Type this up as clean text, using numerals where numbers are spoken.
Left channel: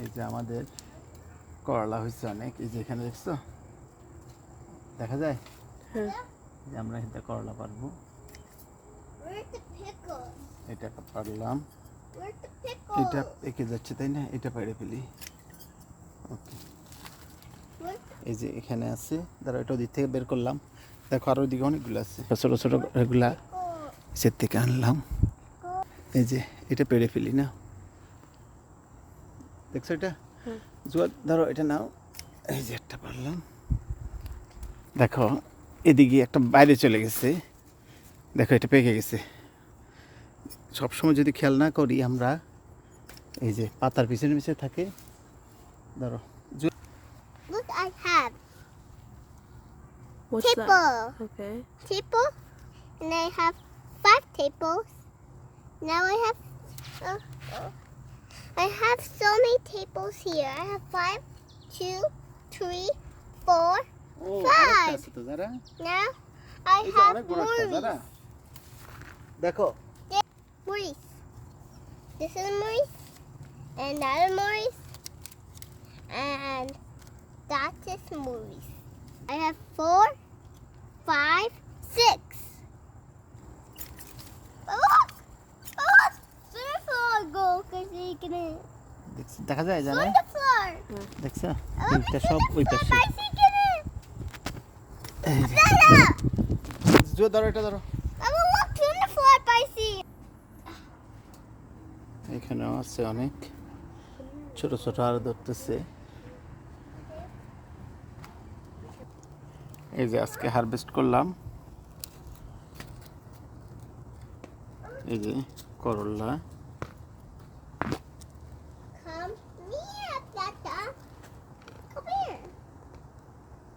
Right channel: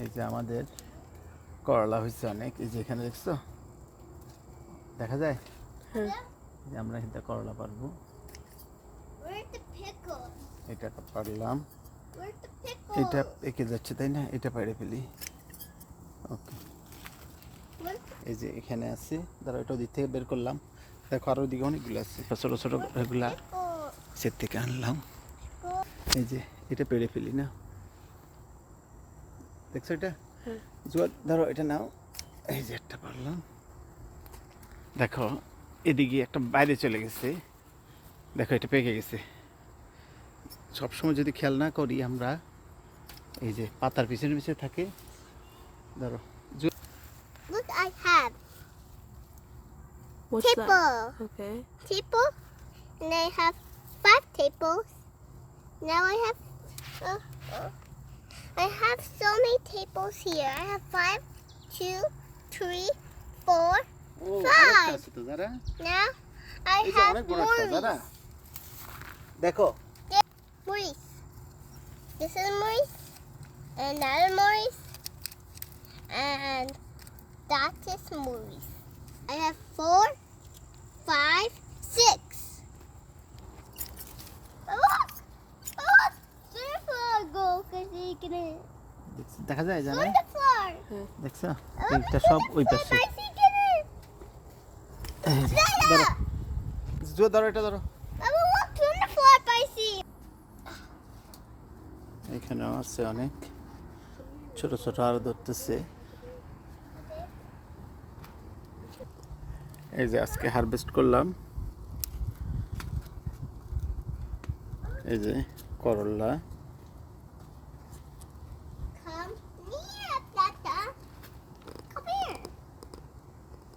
এই যে আমাদের করলা হয়েছে অনেক, এই যে এখানে দেখছো দেখা যায়। হ্যাঁ। যে আমরা এটা করলা পারবো, Where's the pickle? এটা পারলাম, Where's the pickle? এটা পেকে যাচ্ছে তাই না, এটা পেড়ে ফেলি। ওকে, Where's the এই যে এখানে আছে, ধরো এটা ওদিক থেকে বের করলাম, দেখো আর ওইদিকে অনেকগুলো আছে, ছোটো ছোটো এগুলা pickle? সে থেকে আনলাম। এই যে এটা পেড়ে ফেলি না, দেখছো এটা হুম। জুয়ার ধরো এটা নাও, এই যে একটা পারলাম, দেখো এদিকে একটা বাইরে চলে গেছে, দেখো এটা পেকে গেছে। সবসময় যদি খেয়াল না করি আমরা, এই যে পাতার পিছনে পিছনে থাকে, ধরো Look, I have What's that? table. Okay. Table, and I have 5 tables. Now I have so many tables here. I have 5, 2, 3, 4. O Five. আরেকটা আছে তো যারা, Now I এই যে have অনেক বড় একটা যারা, Maurice. দেখো Maurice. This is Maurice, and that is Maurice, and that is Maurice. I have 4, 5, 6. Oh, there's floor go because you can দেখা যায় জানে, on the floor. দেখছো এইটা সব ওই পাশে। Bicycle. এই যে, ধরো জুয়া ধরো এটা ধরো, I will walk on the floor, bicycle. এখানেও আছে অনেক ছোট ছোট আরো ধরতেছে। এই যে আজকে হারভেস্ট করলাম, এই যে করলা,